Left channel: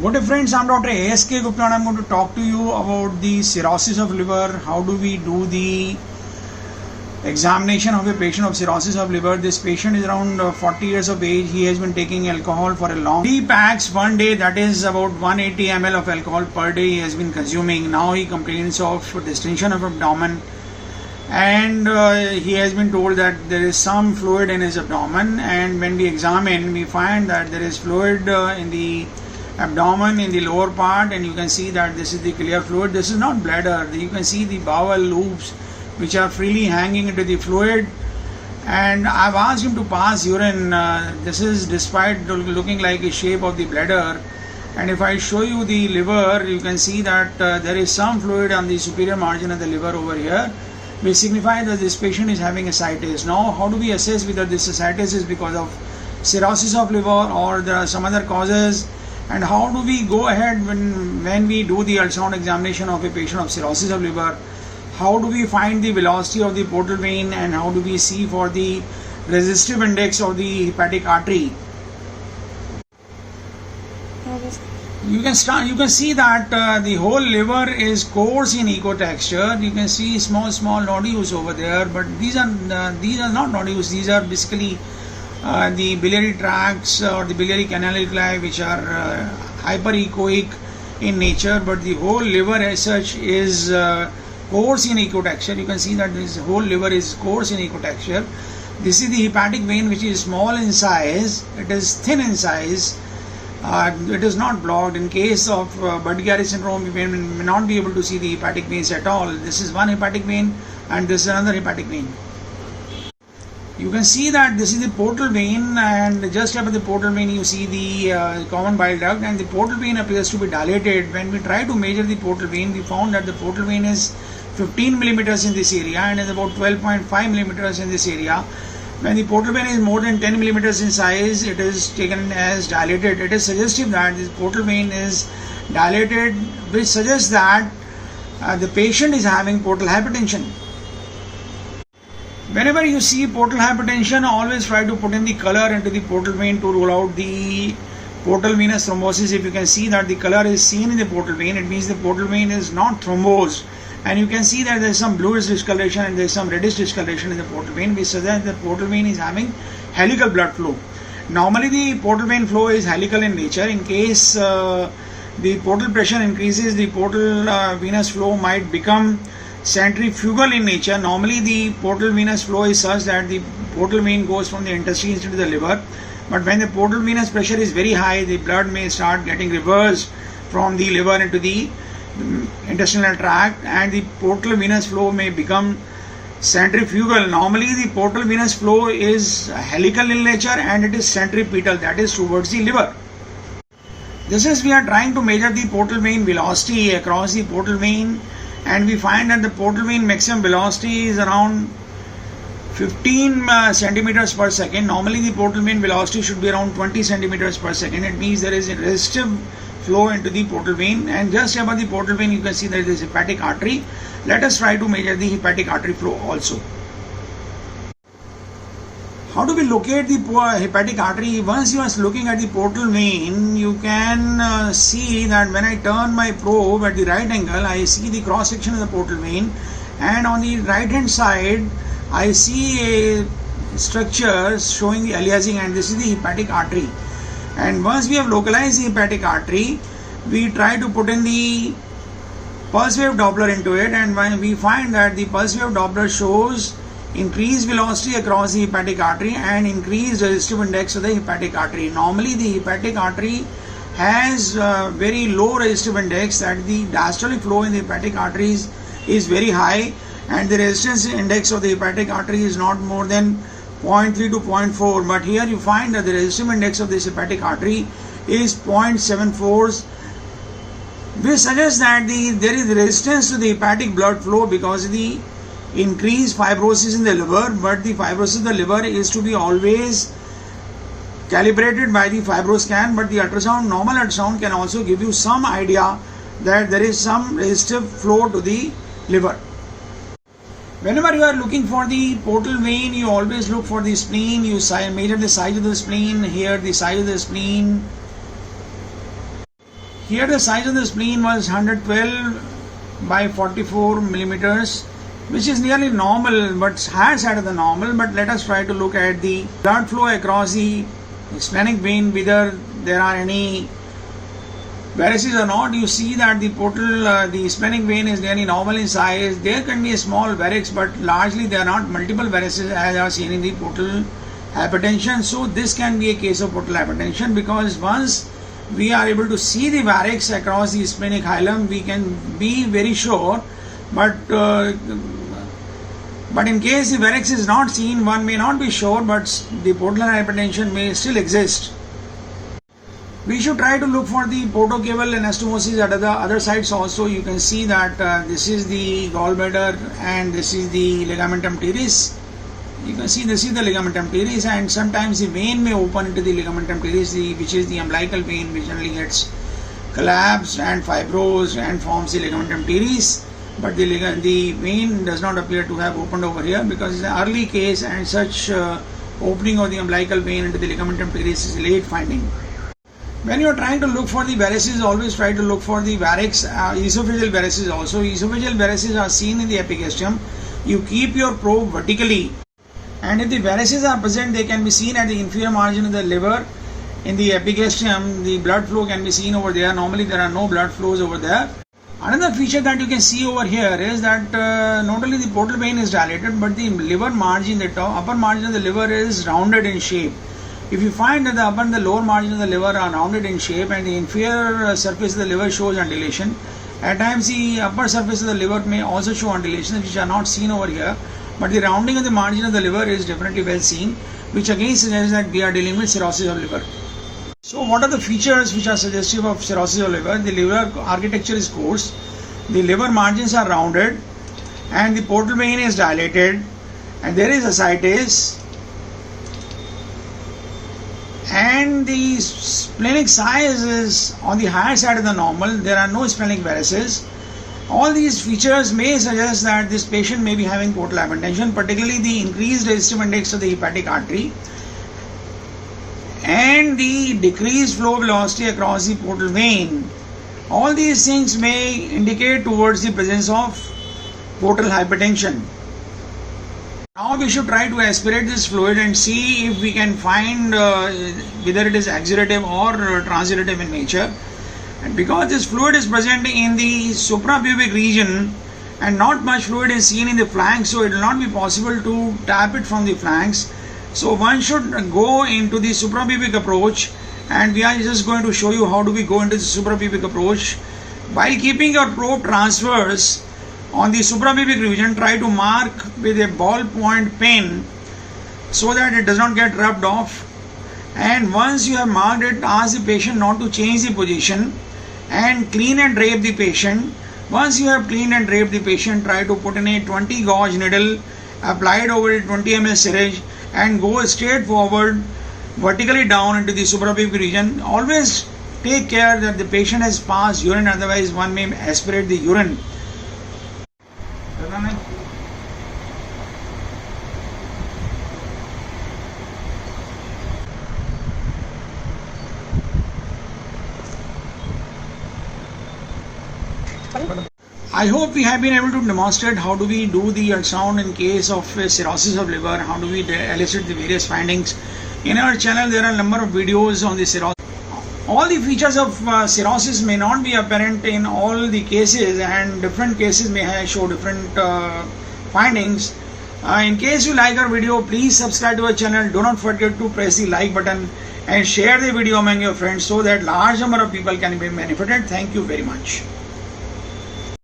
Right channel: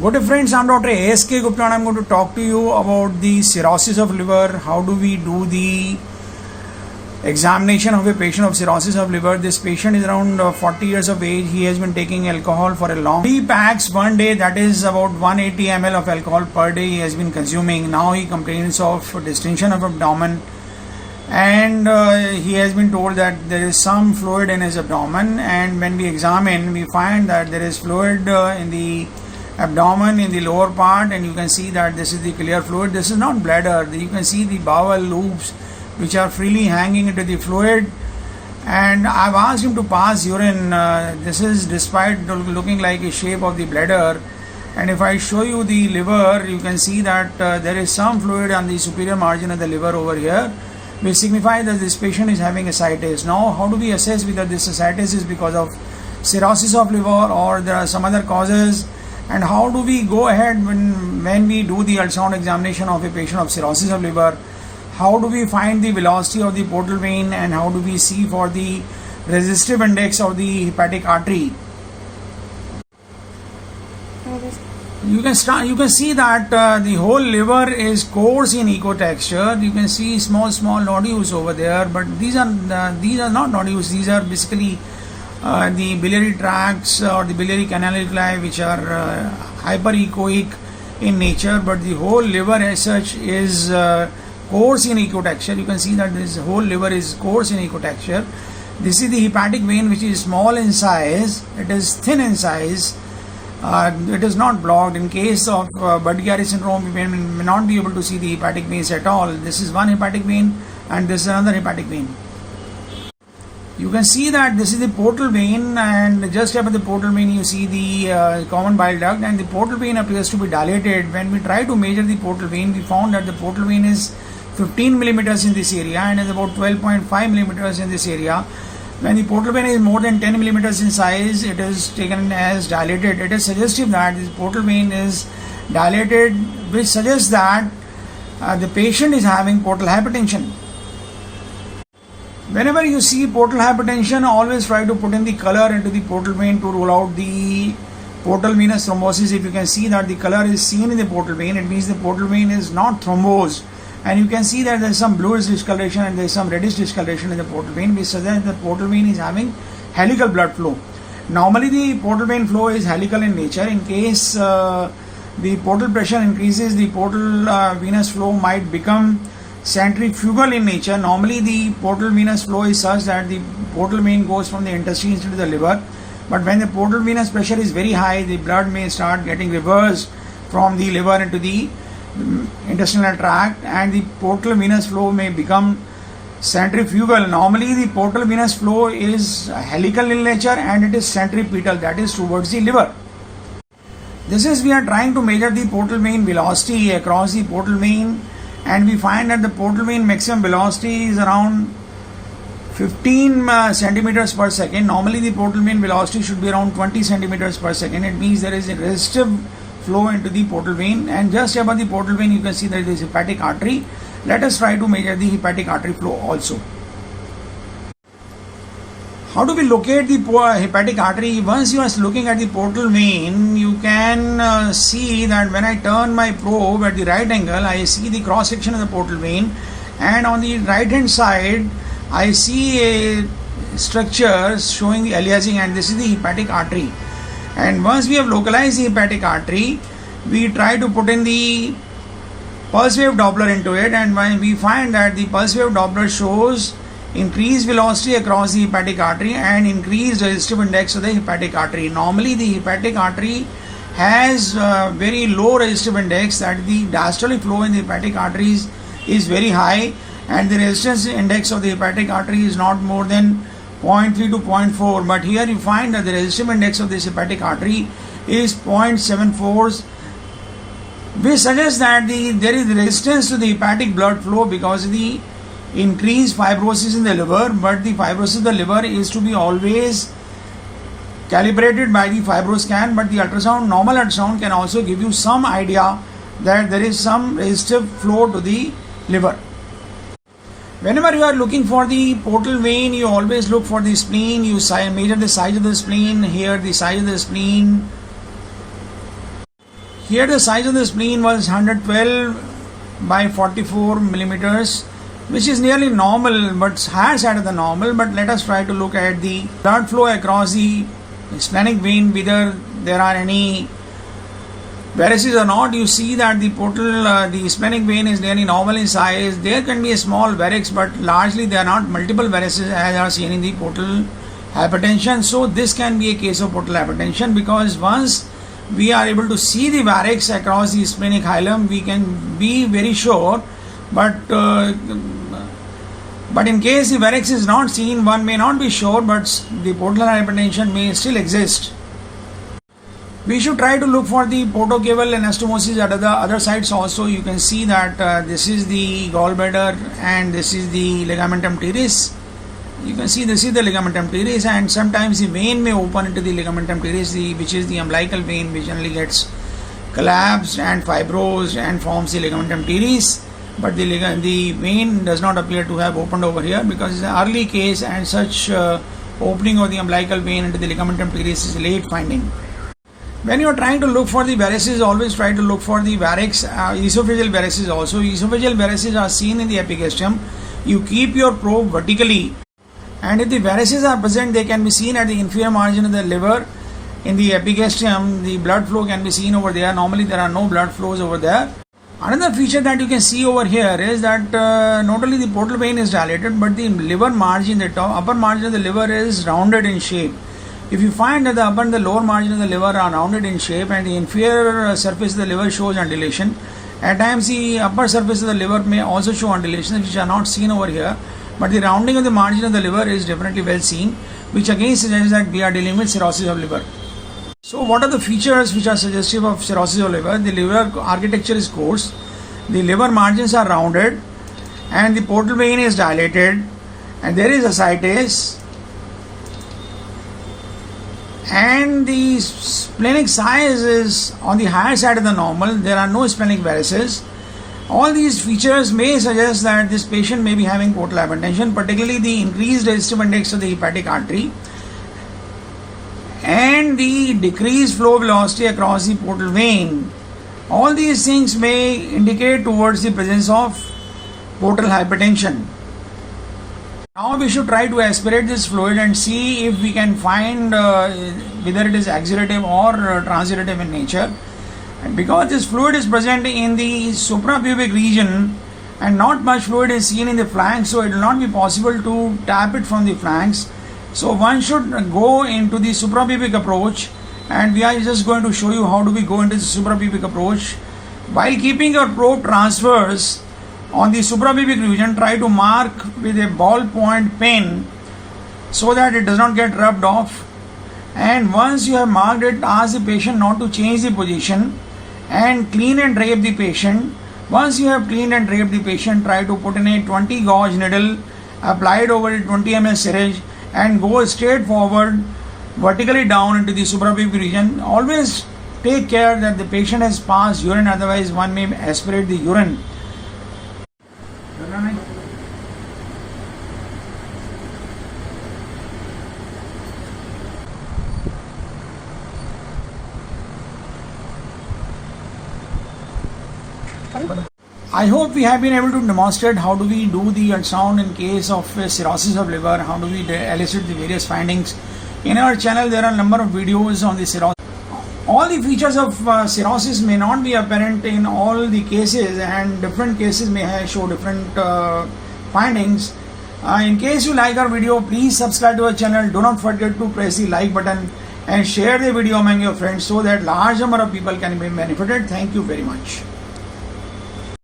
Good day friends, I'm Dr. A.S.K. Gupta and I'm going to talk to you about the cirrhosis of liver. How do we do the examination of a patient of cirrhosis of liver? This patient is around 40 years of age. He has been taking alcohol for a long 3 packs one day, that is about 180 ml of alcohol per day he has been consuming. Now he complains of distension of abdomen and he has been told that there is some fluid in his abdomen, and when we examine we find that there is fluid in the abdomen in the lower part, and you can see that this is the clear fluid. This is not bladder. You can see the bowel loops which are freely hanging into the fluid, and I've asked him to pass urine. This is despite looking like a shape of the bladder, and if I show you the liver, you can see that there is some fluid on the superior margin of the liver over here, which signifies that this patient is having ascites. Now, how do we assess whether this ascites is because of cirrhosis of liver or there are some other causes? And how do we go ahead when we do the ultrasound examination of a patient of cirrhosis of liver? How do we find the velocity of the portal vein, and how do we see for the resistive index of the hepatic artery? You can see that the whole liver is coarse in echo texture. You can see small nodules over there, but these are not nodules. These are basically the biliary tracts or the biliary canaliculi, which are hyperechoic in nature, but the whole liver as such is coarse in echo texture. You can see that this whole liver is coarse in echo texture. This is the hepatic vein, which is small in size. It is thin in size. It is not blocked. In case of Budd-Chiari syndrome, we may not be able to see the hepatic veins at all. This is one hepatic vein and this is another hepatic vein. You can see that this is the portal vein, and just above the portal vein you see the common bile duct, and the portal vein appears to be dilated. When we try to measure the portal vein, we found that the portal vein is 15 millimeters in this area and is about 12.5 millimeters in this area. When the portal vein is more than 10 millimeters in size, it is taken as dilated. It is suggestive that this portal vein is dilated, which suggests that the patient is having portal hypertension. Whenever you see portal hypertension, always try to put in the color into the portal vein to rule out the portal venous thrombosis. If you can see that the color is seen in the portal vein, it means the portal vein is not thrombosed. And you can see that there is some bluish discoloration and there is some reddish discoloration in the portal vein, which suggests that the portal vein is having helical blood flow. Normally the portal vein flow is helical in nature. In case the portal pressure increases, the portal venous flow might become centrifugal in nature. Normally the portal venous flow is such that the portal vein goes from the intestines to the liver, but when the portal venous pressure is very high, the blood may start getting reversed from the liver into the intestinal tract, and the portal venous flow may become centrifugal. Normally the portal venous flow is helical in nature and it is centripetal, that is towards the liver. This is, we are trying to measure the portal vein velocity across the portal vein, and we find that the portal vein maximum velocity is around 15 centimeters per second. Normally the portal vein velocity should be around 20 centimeters per second. It means there is a resistive flow into the portal vein, and just above the portal vein you can see there is hepatic artery. Let us try to measure the hepatic artery flow also. How do we locate the hepatic artery? Once you are looking at the portal vein, you can see that when I turn my probe at the right angle, I see the cross section of the portal vein, and on the right hand side I see a structure showing the aliasing, and this is the hepatic artery. And once we have localized the hepatic artery, we try to put in the pulse wave Doppler into it, and when we find that the pulse wave Doppler shows increased velocity across the hepatic artery and increased resistive index of the hepatic artery. Normally the hepatic artery has very low resistive index, that the diastolic flow in the hepatic arteries is very high, and the resistance index of the hepatic artery is not more than 0.3 to 0.4, but here you find that the resistive index of this hepatic artery is 0.74, which suggests that there is resistance to the hepatic blood flow because of the increased fibrosis in the liver. But the fibrosis in the liver is to be always calibrated by the fibroscan, but the normal ultrasound can also give you some idea that there is some resistive flow to the liver. Whenever you are looking for the portal vein, you always look for the spleen. You measure the size of the spleen. Here the size of the spleen Here the size of the spleen was 112 by 44 millimeters, which is nearly normal but higher side of the normal. But let us try to look at the blood flow across the splenic vein, whether there are any varices or not. You see that the portal, the splenic vein is nearly normal in size. There can be a small varix, but largely there are not multiple varices as are seen in the portal hypertension. So this can be a case of portal hypertension, because once we are able to see the varix across the splenic hilum, we can be very sure. But in case the varix is not seen, one may not be sure, but the portal hypertension may still exist. We should try to look for the portocaval anastomosis at the other sides also. You can see that this is the gallbladder and this is the ligamentum teres. You can see this is the ligamentum teres, and sometimes the vein may open into the ligamentum teres, which is the umbilical vein, which generally gets collapsed and fibrosed and forms the ligamentum teres. But the vein does not appear to have opened over here, because it's an early case, and such opening of the umbilical vein into the ligamentum teres is a late finding. When you are trying to look for the varices, always try to look for the varix, esophageal varices also. Esophageal varices are seen in the epigastrium. You keep your probe vertically, and if the varices are present, they can be seen at the inferior margin of the liver. In the epigastrium, the blood flow can be seen over there. Normally there are no blood flows over there. Another feature that you can see over here is that not only the portal vein is dilated, but the liver margin, the upper margin of the liver is rounded in shape. If you find that the upper and the lower margin of the liver are rounded in shape, and the inferior surface of the liver shows undulation, at times the upper surface of the liver may also show undulations, which are not seen over here, but the rounding of the margin of the liver is definitely well seen, which again suggests that we are dealing with cirrhosis of liver. So what are the features which are suggestive of cirrhosis of liver? The liver architecture is coarse, the liver margins are rounded, and the portal vein is dilated, and there is ascites, and the splenic size is on the higher side of the normal. There are no splenic varices. All these features may suggest that this patient may be having portal hypertension, particularly the increased resistive index of the hepatic artery and the decreased flow velocity across the portal vein. All these things may indicate towards the presence of portal hypertension. Now we should try to aspirate this fluid and see if we can find whether it is exudative or transudative in nature. And because this fluid is present in the suprapubic region and not much fluid is seen in the flanks, so it will not be possible to tap it from the flanks. So one should go into the suprapubic approach, and we are just going to show you how do we go into the suprapubic approach. While keeping your probe transverse on the suprapubic region, try to mark with a ballpoint pen so that it does not get rubbed off. And once you have marked it, ask the patient not to change the position and clean and drape the patient. Once you have cleaned and draped the patient, try to put in a 20 gauge needle applied over a 20 ml syringe and go straight forward vertically down into the suprapubic region. Always take care that the patient has passed urine, otherwise one may aspirate the urine. I hope we have been able to demonstrate how do we do the ultrasound in case of cirrhosis of liver, how do we elicit the various findings. In our channel there are a number of videos on the cirrhosis. All the features of cirrhosis may not be apparent in all the cases, and different cases may show different findings. In case you like our video, please subscribe to our channel. Do not forget to press the like button and share the video among your friends so that large number of people can be benefited. Thank you very much.